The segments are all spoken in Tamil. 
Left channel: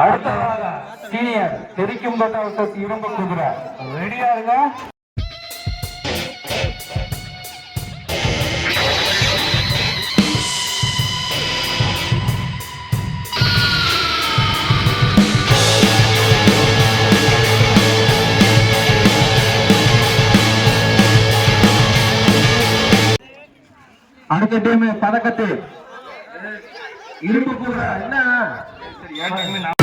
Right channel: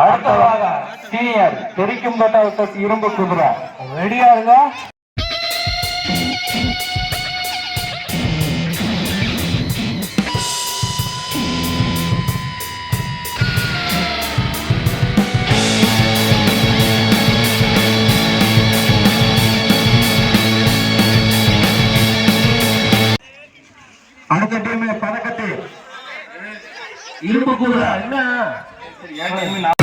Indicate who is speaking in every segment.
Speaker 1: அடுத்ததாக சீனியர் தெரிக்கும் கோட்டா இரும்பு குதிரை. ரெடியா இருங்க? அடுத்த டீம் பதக்கத்தை. இரும்பு குதிரை. என்ன? ஓகே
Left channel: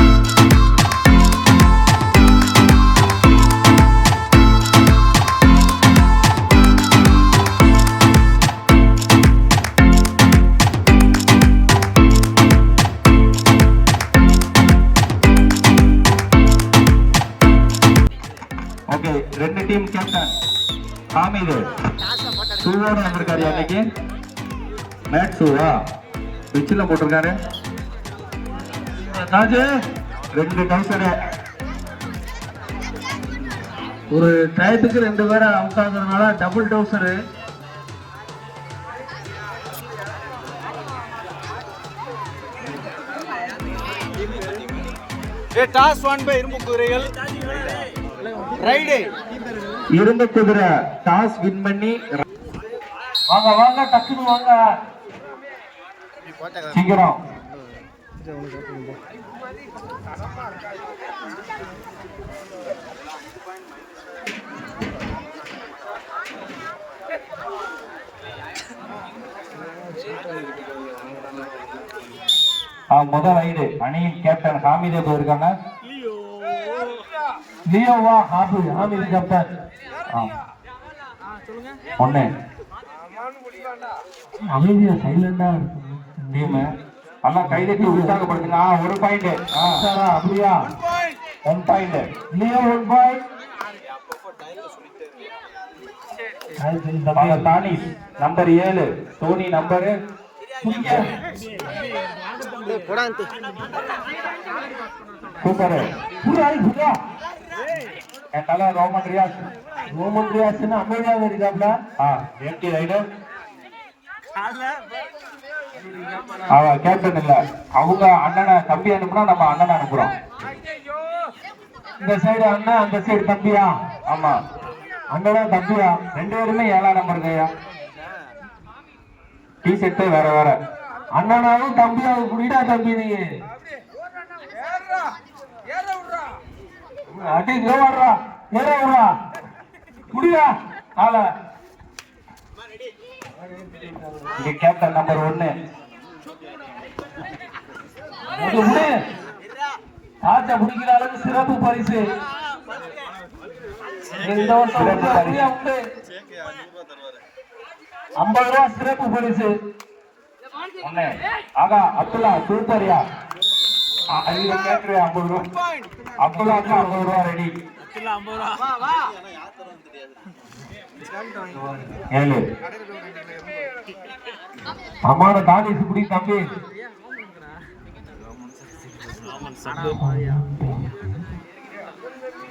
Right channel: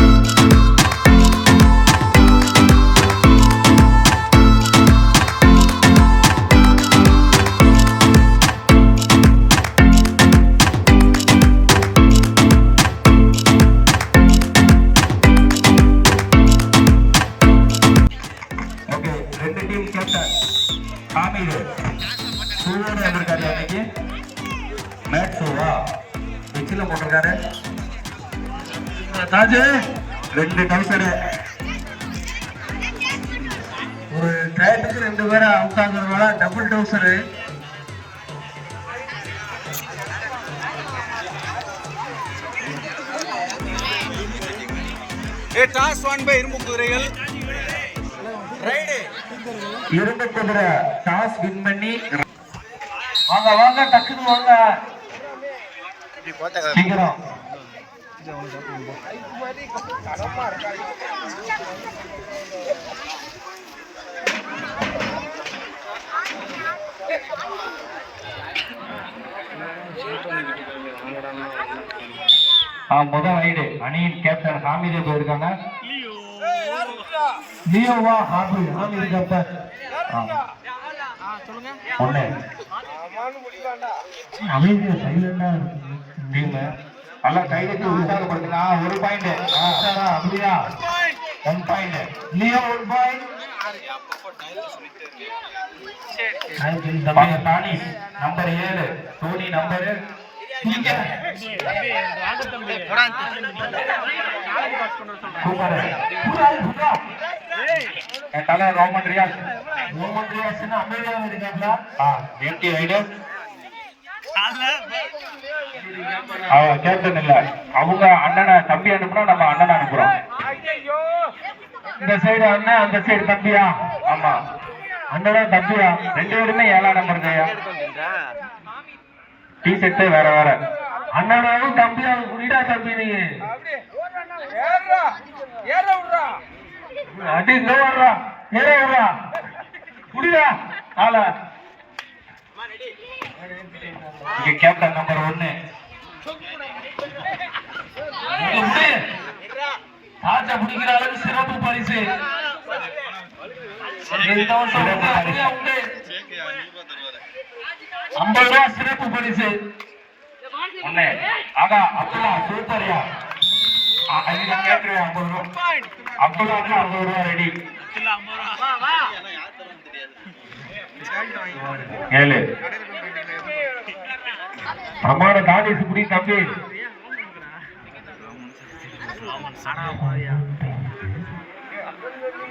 Speaker 1: ராஜு ரெண்டு டவுசரு ஒரு டயத்துக்கு ரெண்டு பேரும் அவுட் ஆகுறதுனால டபுள் டவுசரு
Speaker 2: டாஸ் பை இரும்பு குதிரைகள். ரைடு.
Speaker 1: இரும்பு குதிரை டாஸ் வின் பண்ணி. வாங்க வாங்க டக்குன்னு வாங்க. சீக்கிரம். ஆ முதல் ரைடு அணியின் கேப்டன் ஹாமித் ஏதோ இருக்காங்க. லியோவா ஹாபி ஹாமித் கேப்டன் ஒண்ணு. அமைதியா சைலண்டா டீம். நல்லா கைதட்டி உற்சாகப்படுத்துங்க ஆ, ஒரு பாயிண்ட் அப்படியா? One point Leo one point தானி நம்பர் ஏழு. டோனி நம்பரு தலை ரோமன் ரியாஸ். ரோமன் ரியாஸ் அமைதியாக இருக்காப்ல. ஆ எம்டி ரைடு அவன் கேப்டன் இல்ல அவங்க அண்ணனை தம்பி அனுப்புறோம் நம்ம அண்ணனை அனுப்புறோம். இந்த சைடு அண்ணன் அந்த சைடு தம்பியா? ஆமா. அண்ணனா தம்பியா? ரெண்டு பேருமே ஏழாம் நம்பர் கையா டி ஷர்ட் வேற வேற. அண்ணனாவும் தம்பியாவும் குடிடா தம்பி நீ? அடி ஏறா ஏறா குடியா ஆள. கேப்டன் நம்பர் ஒன்னு. ஆட்ட பிடிக்கிற அளவுக்கு சிறப்பு பரிசு. ஐம்பது ரூபா சிறப்பு பரிசு. ஒண்ணு ஆகா அப்துல்லா சூப்பர்யா ஐயா கேட்குறியா ஐம்பது ரூபா. அப்துல்லா ஐம்பது ரூபா ரெடி. ஏழு. அம்மாவோட தானிஸ் குடி தம்பி.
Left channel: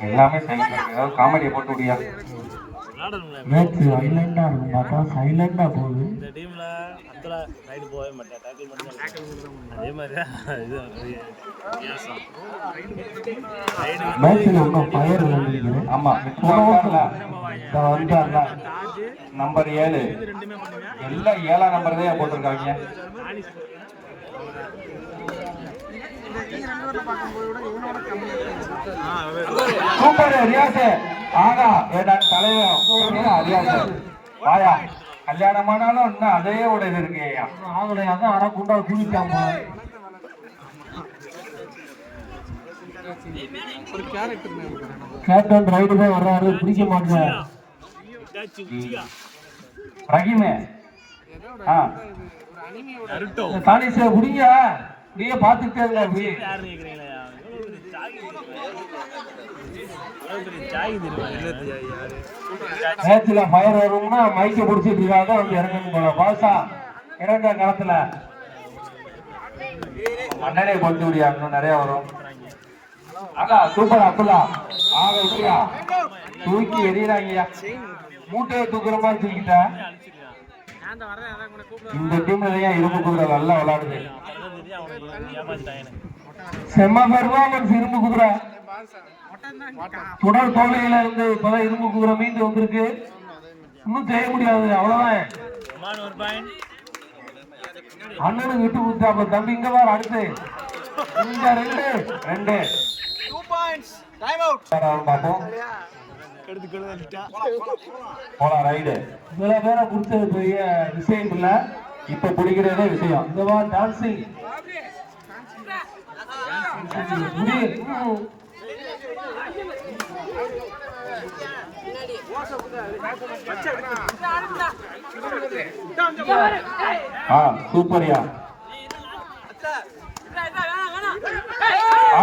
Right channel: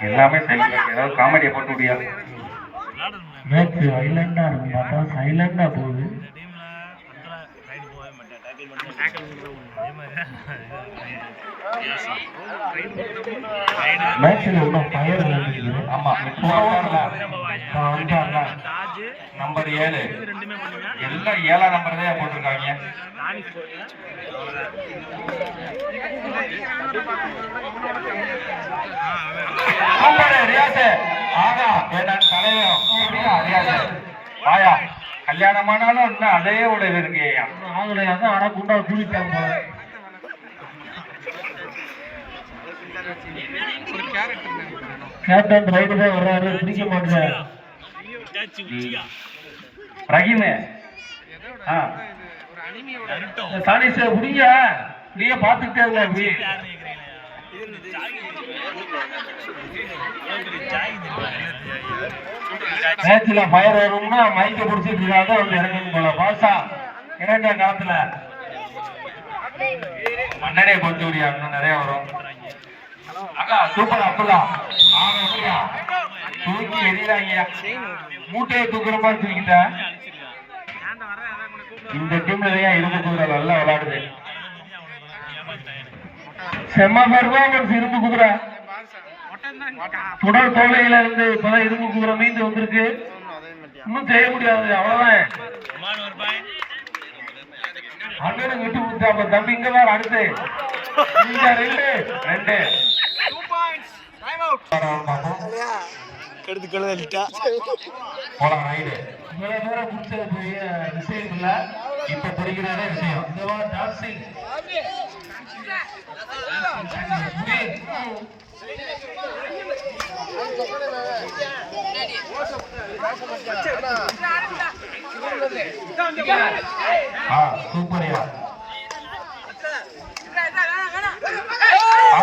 Speaker 1: எல்லாமே ஏதாவது காமெடியை போட்டு மேட்ச் சைலண்டா இருக்கு சைலண்டா போகுது.
Speaker 3: ரைடு போகவே மாட்டேன். டேக்கிள் டேக்கிள் மட்டும் தான் அதே மாதிரி இது
Speaker 1: நம்பர் ஏழு. எல்லாம் ஏழாம் நம்பர் தான் போட்டிருக்காங்க? சூப்பர் ரியாஸ். ஆனா தலைவன் அப்படியா ரியாஸ் வாயா கல்யாணமானாலும் இன்னும் அதே உடல் இருக்கு அண்ணன் ஆனா குண்டா கூலிட்டாங்க கேப்டன் ரைடு தான் வர்றாரு பிடிக்க மாட்டேன் ரஹீம். ஆ. தானே சார் புடிங்க நீயே பார்த்துட்டே இருங்க அப்படி நேத்துல ஃபயர் வரும்னா மைக்க பிடிச்சிட்டு இருக்காங்க வந்து இறங்கிட்டு போல பாசா இறங்க காலத்துல. அண்ணனே கொஞ்சம் விடியா இன்னும் நிறைய வரும். அக்கா சூப்பர் அப்துல்லா ஆக விட்டியா தூக்கி எறிகிறாங்கய்யா மூட்டையை தூக்குற மாதிரி தூக்கிட்டேன். இந்த டீம்ல தான் இருந்து கூட நல்லா விளையாடுது. செம்ம பெர்ஃபார்மன்ஸ் இரும்பு குதிரை தொடர் தோல்வியில இருந்து இப்பதான் இரும்பு குதிரை மீண்டு வந்திருக்கு. இன்னும் செய்ய முடியாது. அவ்வளவுதான்? அண்ணனும் விட்டு கொடுத்தா அப்ப தம்பி இங்க வேற அடுத்து. இந்த ரெண்டு ரெண்டு. ரைடு. இவ்வளவு பேரை பிடிச்சது பெரிய விஷயம் இல்ல. இப்ப பிடிக்கிறதே விஷயம். இந்த டான்சிங். ஆ சூப்பர்யா ஆ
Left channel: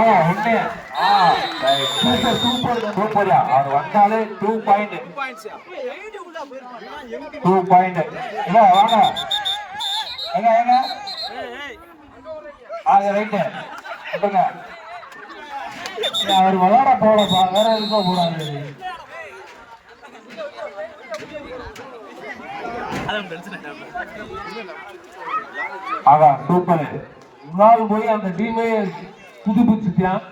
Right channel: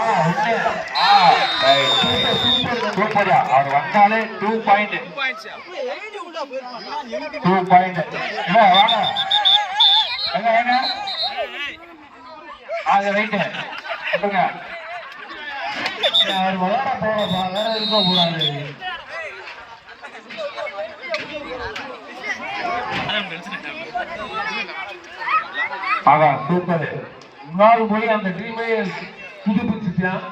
Speaker 1: அவர் வந்தாலே டூ பாயிண்ட் டூ பாயிண்ட் அது ரைட்டு அவர் விளையாட போறப்பா வேற இருக்க போறாரு
Speaker 3: அதான் டென்ஷன்
Speaker 1: ஆகா சூப்பர் இன்னாலும் போய் அந்த டீமே புதுப்பிச்சுட்டான்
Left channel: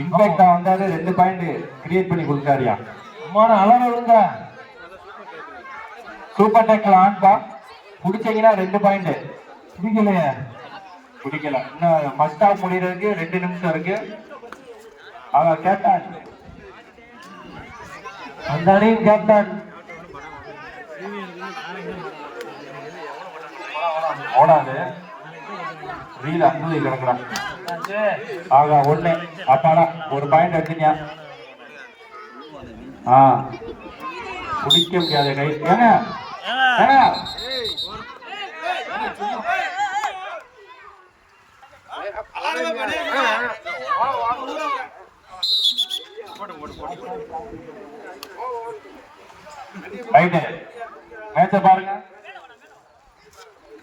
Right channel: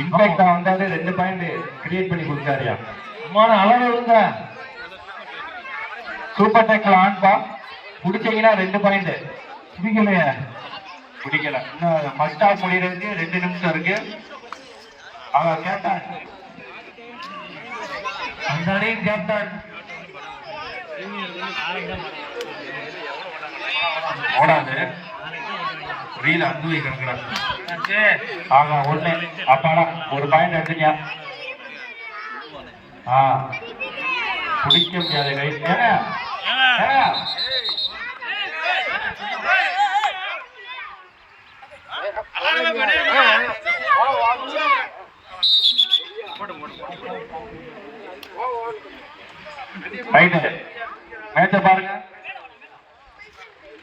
Speaker 1: இன்ஃபேக்ட் வந்தாலே ரெண்டு பாயிண்ட் கிரியேட் பண்ணி கொடுத்தாருயா அம்மான அளவு இருங்க சூப்பர் டேக்கில் ஆன்பா பிடிச்சீங்கன்னா ரெண்டு பாயிண்ட் பிடிக்கலையே. பிடிக்கல. இன்னும் ஃபர்ஸ்ட் ஹாஃப் முடிகிறதுக்கு ரெண்டு நிமிஷம் இருக்கு. ஆகா கேப்டன் அந்த அணியின் கேப்டன் ஓடாது. ரீல் ஆகா ஒண்ணு. அப்பாடா ஒரு பாயிண்ட் எடுத்துட்டியா? ஆ. பிடிக்க முடியாது கை ஏங்க ஏங்க ரைட்டு மேட்ச பாருங்க.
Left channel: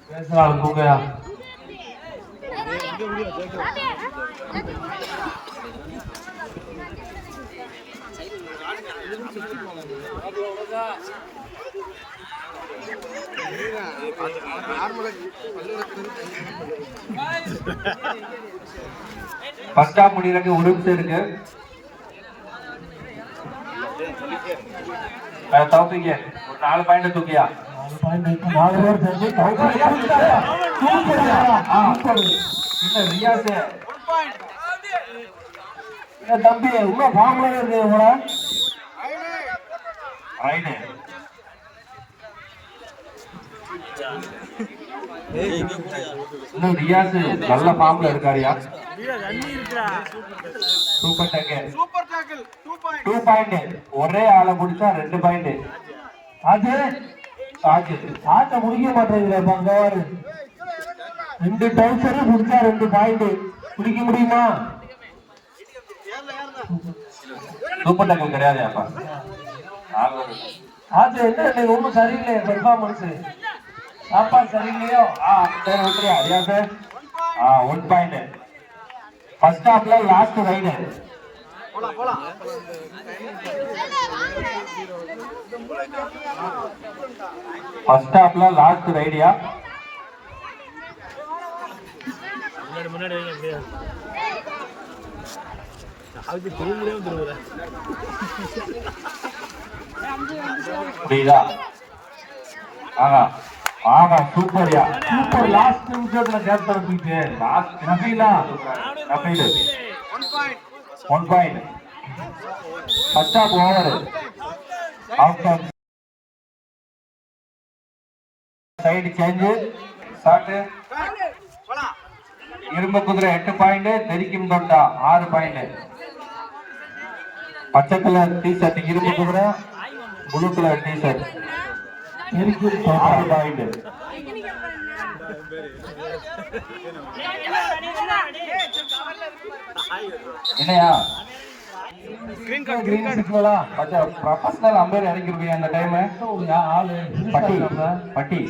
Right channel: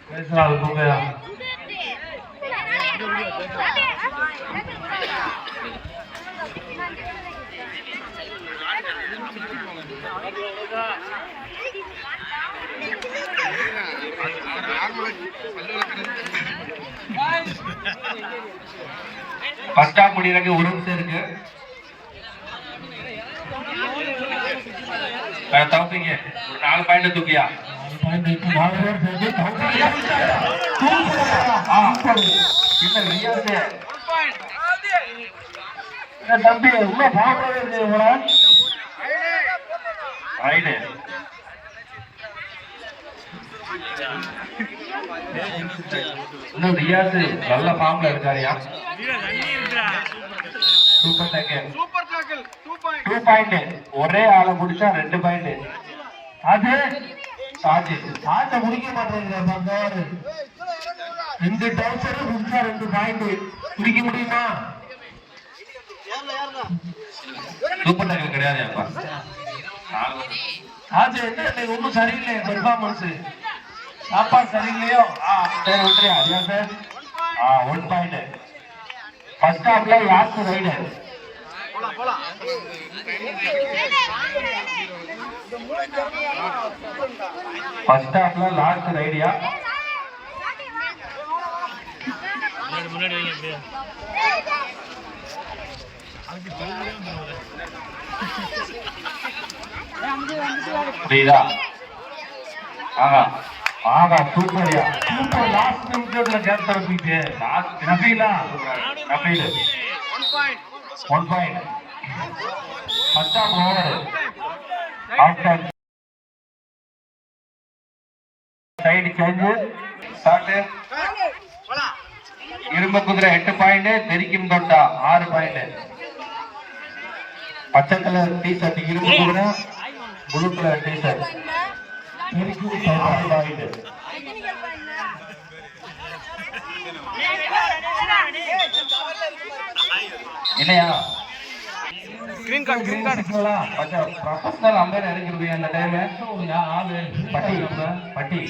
Speaker 1: பேசுறாங்க போங்க ஃபர்ஸ்ட் ஹாஃப் முடியறதுக்கு ஒரு நிமிஷம் இருக்கு. அஹ் தௌஃபீக் ஒரு நாலு பாயிண்ட் தூக்கியா இல்ல ரியாஸ் இல்ல தம்பி உள்ள பாக்குறது ரைடு இன்னும் ரியாஸ் நல்ல ஃபார்ம்ல இருக்காருயா? Super tackle
Speaker 2: super tackle 2 point
Speaker 1: two point ஒரே ஆள குடிச்சா ரெண்டு பாயிண்ட் அது சாஜி சாஜ முடிக்க மாட்டேங்குது பங்காரு. இந்த டவுசரும் குடிச்சா ரெண்டு பாயிண்ட் குடிக்க முடியுமா? சூப்பர் டேக்கிள் கிடையாது அப்பா சாஜி என்ன? இன்னைக்கு ஒன்றும் சரியில்லை. பெர்ஃபார்மன்ஸ் சாப்பாடு சரியில்லையோ? ஆ சரி விட்டுறியா ரியா சார் ஆ ஒன் பாயிண்ட் ஃபர்ஸ்ட் ஹாஃப்ல லாஸ்ட் ரைடு ஃபர்ஸ்ட் ஹாஃப்ல லாஸ்ட் ரைடியா
Speaker 3: முன்னாடி அதுக்கு
Speaker 1: புரியுதா? ஆமா ஆஹா சூப்பர்யா சூப்பர் லாஸ்ட் நிமிஷத்துல கேப் தரப்பிட்டு last Nabila Nabeel
Speaker 2: one point
Speaker 1: first half over after side change
Speaker 2: போலாம்
Speaker 1: இரும்பு குதிரை எட்டு பாயிண்ட் தெரிக்கும் தொண்டா ஆறு பாயிண்ட் பச்சை கலர் டி ஷர்ட் இரும்பு குதிரை ப்ளூ கலர் டி ஷர்ட் இல்லையா
Speaker 2: green card green card
Speaker 1: professional umpire இறங்கிருப்பீங்க அந்த டைம் ஆளு பட்டி பட்டி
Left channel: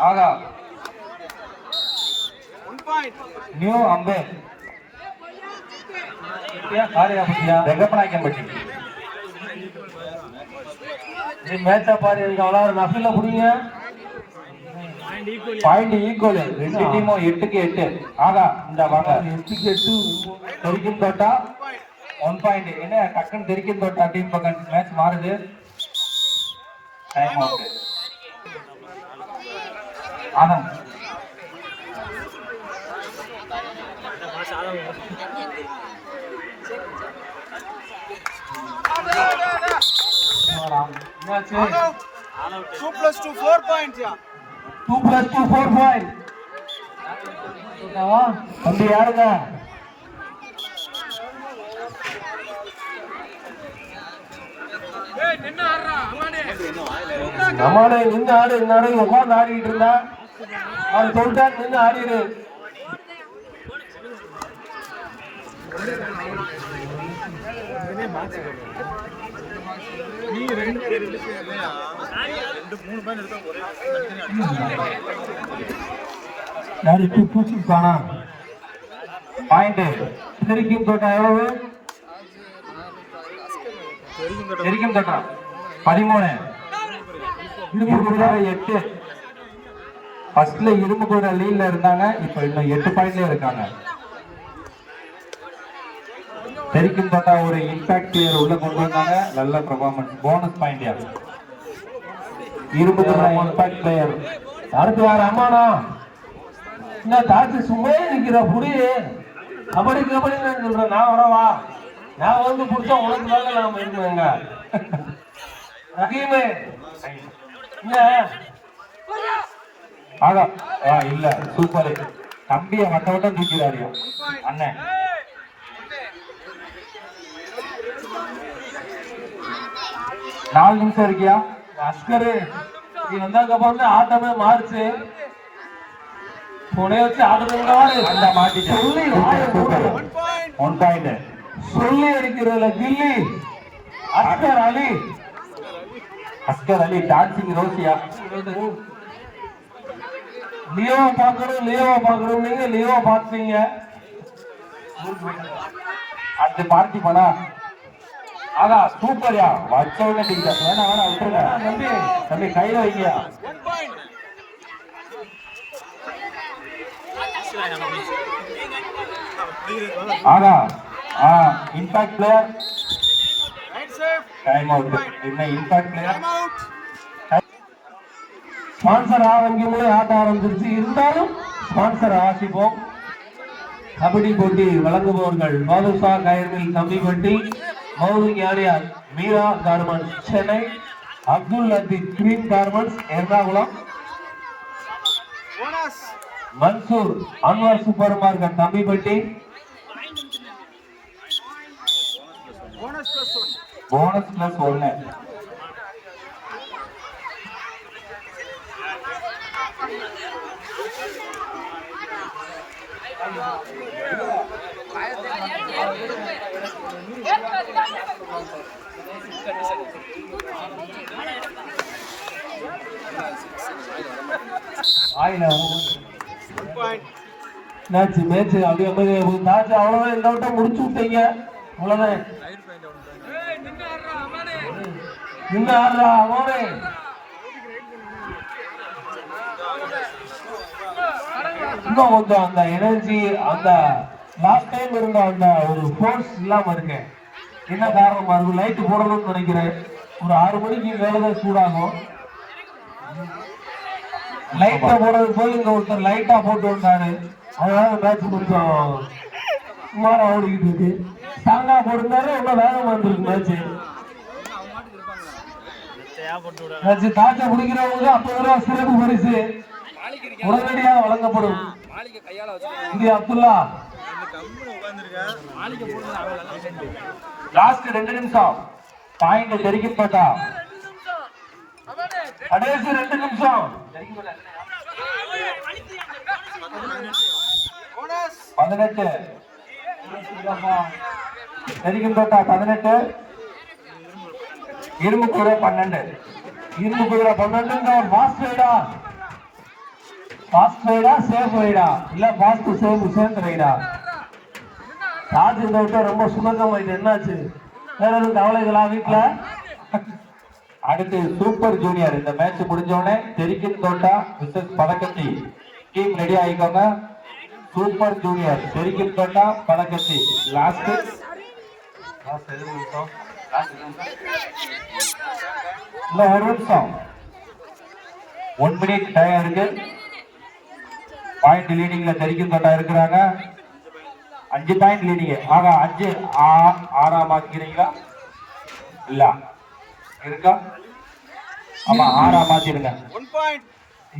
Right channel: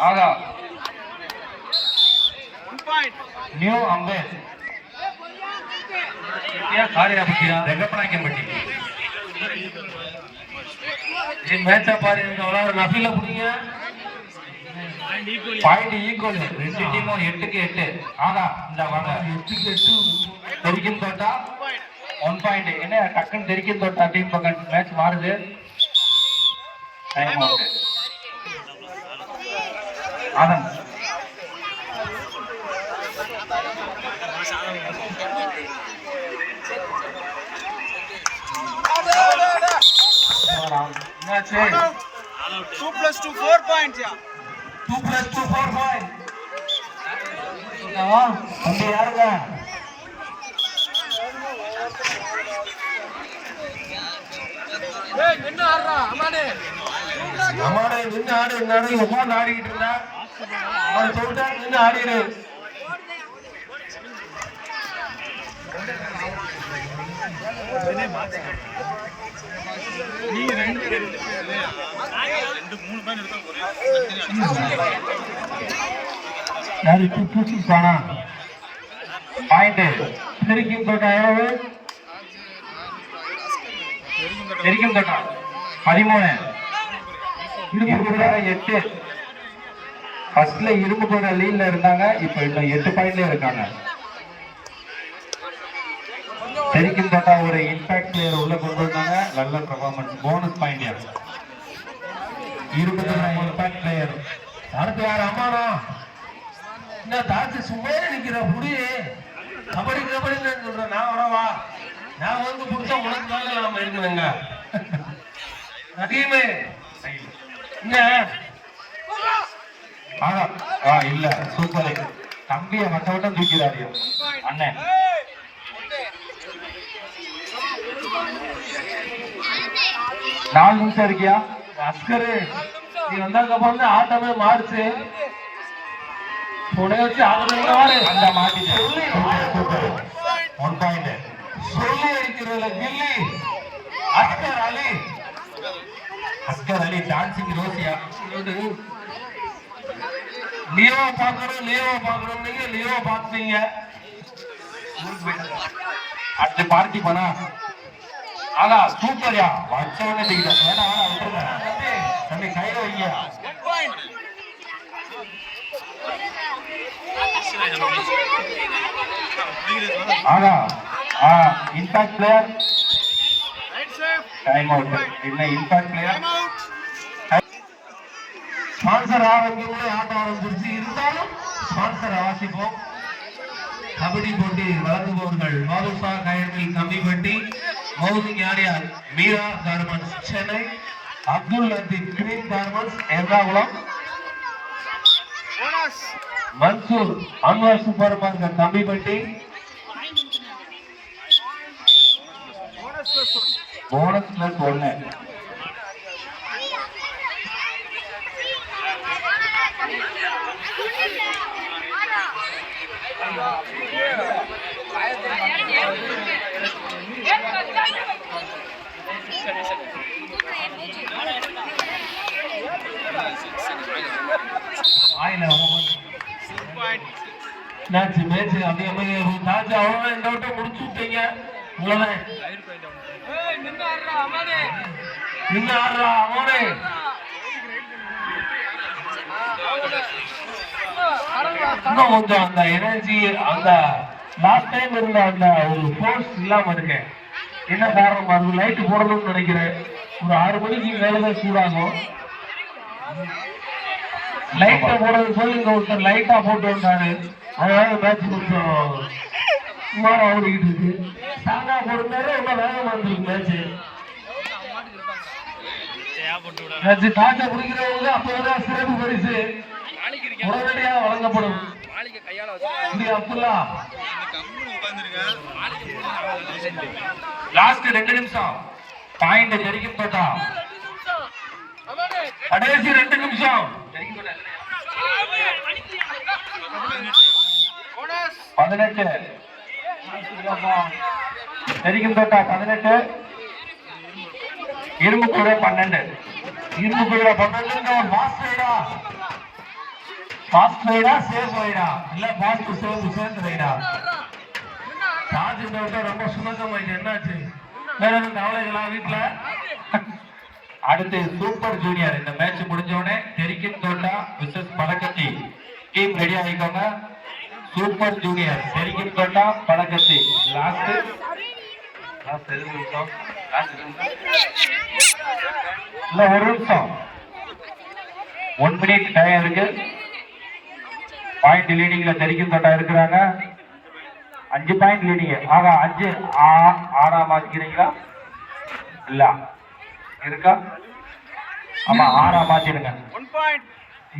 Speaker 1: ஆகா நியூ அம்பேர் ஏன் காரியா பட்டியா ரெங்கப்படாக்கம் பட்டி பாரு இங்க விளாட நஃபில புடிங்க.
Speaker 4: பாயிண்ட் ஈக்குவல் ரெண்டு டீமும் எட்டுக்கு எட்டு. ஆகா இந்த வாங்க. எட்டுக்கு எட்டு தெரிக்கும் தோட்டா ஒன் பாயிண்ட் என்ன டக்குன்னு தெரிக்கும் தோட்டா டீம் பக்கம் மேட்ச் மாறுது. Time out Anand
Speaker 5: two plus two four points யா
Speaker 4: two plus two four five தம்பி யாருங்க? அம்மாடே. நின்று ஆடு இருந்தாரு உட்காந்து ஆடிக்கிட்டு இருந்தா. அவர் சொல்லிட்டாரு நின்று ஆடிடு. யாரு பூச்சி காணா பாயிண்ட் திருக்கிம் கோட்டை எவ்வளவு தெரிக்கும் கோட்டா பதிமூணு எட்டு. ஃபர்ஸ்ட்ல இரும்பு கூட லீட்ல இருந்தாங்க. இப்போ இன்னும் எட்டு பாயிண்ட்ல இருக்காங்க. தெரிக்கும் தோட்டா ஒரு இம்பாக்ட் பிளேயர் உள்ள கொண்டு வந்தாங்க. நல்ல பெர்ஃபார்மன்ஸ் போனஸ் பாயிண்ட் யார் இருபத்தி நாலு இம்பாக்ட் பிளேயர் அடுத்து யார்? அம்மானா? இந்த தாத்து சும்மா நிக்கிற புடி கபடி கபடி சொல்றேன் நான் வரவா நான் வந்து கொடுத்தா உனக்கு நல்ல நாம இருக்குதுங்க ரஹீமே என்ன? ஆகா. இல்ல. சூப்பர் தம்பியை மத்த வட்டம் தூக்கிறாரு அண்ணன் நாலு நிமிஷம் இருக்கியா? அஸ்கரு நீ அப்புறம் தான் ஆட்டமே மாறுச்சு. துணைய வச்சு ஆடுறதுனால அந்த மாட்டிட்டு சொல்லி ஒன் பாயிண்ட் சொல்லி அடிக்கிறதுல கில்லி. அஸ்கர் அலி. அஸ்கர் அலி டான்சிங் ரோசியா. லியோவா பார்க்கணும் லியோவா பார்க்கணும். நீங்க லியோவா பார்த்தீங்க அடுத்து பார்ட்டி பண்ணா ஆனா சூப்பர்யா வச்சவங்க டிக்கெட் வேணா வேணா விட்டுருங்க. தம்பி தம்பி கையில வைங்கயா ஆனா ஆ இம்பாக்ட் பிளேயர் டைம் அவுட் இல்ல இம்பாக்ட் பிளேயர் ஸ்பான்சர் ஆரம்பிக்கும்போது ஆட்டம் ஆரம்பிச்சிருச்சு. இருந்தாலும் ஸ்பான்சர் வாசிப்போம் கபடி போட்டி வழங்குபவர்கள் Badusha coir mill Kambipatti housing area Meera garments Chennai Abdul Latheef green garments Ernakulam Mansoor Anwar supermarket Thambipatti bonus plus ஒன்னு மேட்ச் மேட்ச் அதே மாதிரி மேட்ச் அவங்க இந்த முடிச்சு விட்டீங்க. அவ்வளோதான் நின்று ஆடுறா அவனே இன்னும் கொஞ்சம் அந்த எனர்ஜி அந்த லாஸ்ட் டைம் இருந்த அந்த ஒரு ஃபோர்ஸ் இல்லாம இருக்கு. என்ன காரணம்? அது லைட் போடணும்னு நினைக்கிறேன். ஒரு ஆறு மணிக்கு வேறு சூடாகும். லைட்டா போடுறது போய் இந்த ஒருத்தர் லைட்டா போட்டு வந்தாரு. அதனால மேட்ச் கொஞ்சம் சுமாரா ஓடிக்கிட்டு இருக்கு. ஸ்ட்ராங்கா போட்டிருந்தாரு ரொம்ப வேகம் வந்திருக்கு மேட்ச் மேட்ச் டாட்டை பிடிக்கிறவங்க அப்ப சிறப்பு பரிசு உடனடியாக வழங்கப்படும். இது அப்துல்லா. லாஸ்ட் ரெண்டு நிமிஷம். பாயிண்ட் தெரிவிக்கப்பட்டா போட்டா. கடைசி ரெண்டு நிமிஷம். பதினெட்டு. தெரிக்கும் தோட்டா பதினெட்டு. இரும்பு கூட பன்னெண்டு. இரும்பு கூட பன்னெண்டு ஃபாஸ்ட் வைடா ஃபாஸ்ட் வைடா சேஃப் வைடா இல்ல ஃபாஸ்ட் சேஃப் சேர்ந்து ரைடா சார்ஜ் தோட்டம் ரொம்ப சுமந்தம் என்னாச்சு? வேற எதுவும் கவலைகளா வீட்டுல
Speaker 1: அடுத்து சூப்பர் ஜூனியர். இந்த மேட்ச் முடிஞ்சோடனே தெரிக்கின் தோட்டா விசஸ் பழக்கத்தி. டீம் ரெடி ஆகிக்கோங்க சூப்பர் ஜூனியர் தெரிக்கின் தோட்டா பழக்கத்தி. லாஸ்ட் இல்ல ஒரு நிமிஷம். ஒன் மினிட் டைம் இருக்கு. பாயிண்ட் லீடிங்ல தெரிக்கும் தோட்டா இருக்கிறாங்க. அஞ்சு பாயிண்ட் லீடிங் ஆனா அஞ்சு. ஆ- ஆறா பாதிக்கிறீங்களா இல்ல. இருக்கா? ஆமா ஆனா மாத்திடுங்க.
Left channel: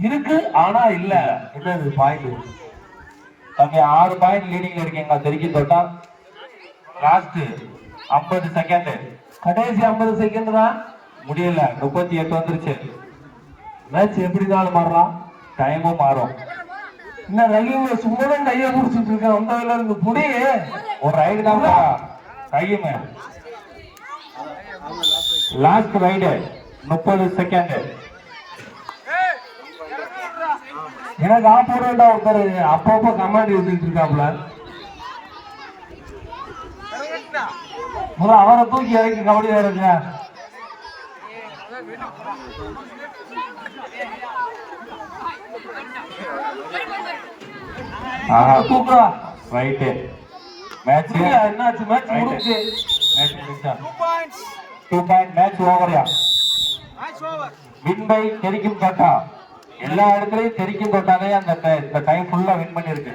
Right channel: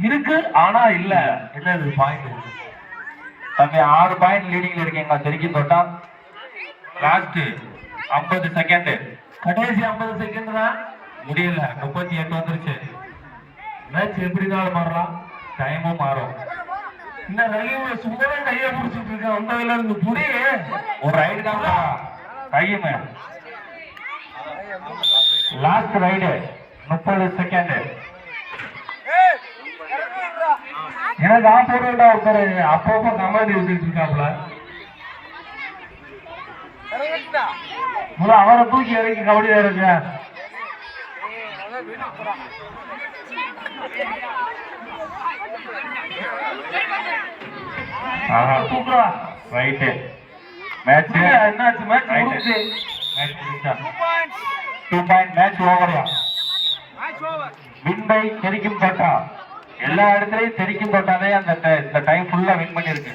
Speaker 1: இருக்கு ஆனா இல்ல. என்னது பாயிண்ட் இருக்கு. தம்பி ஆறு பாயிண்ட் லீடிங்ல இருக்கீங்களா? தெரிஞ்சு தொட்டா லாஸ்ட் ஐம்பது செகண்ட் கடைசி ஐம்பது செகண்ட் தான். முடியல. முப்பத்தி எட்டு வந்துருச்சு. மேட்ச் எப்படி மாறலாம். டைமும் மாறும்.
Speaker 4: என்ன ரயில் சும்மாதான் கையை பிடிச்சிட்டு இருக்கேன் வந்ததுல இருந்து புடி.
Speaker 1: ஒரு ரைடு தான் கையுமே லாஸ்ட் ரைடு முப்பது செகண்ட்
Speaker 4: எனக்கு ஆப்போர்டா ஒருத்தர் அப்பப்போ கமாண்ட் எழுதிட்டு இருக்காப்ல. அவரை தூக்கி இறக்கி கபடி இறங்க தூக்குறா.
Speaker 1: ரைட்டு மேட்ச்
Speaker 4: என்னாச்சு மேட்ச் முடிச்சு
Speaker 1: two point match ஓவர்யா win by தெரிக்கும் தோட்டா எல்லா இடத்துலயும் தெரிக்கும் தோட்டாலே அந்த இந்த டைம் ஃபுல்லா வின் பண்ணிருக்கு.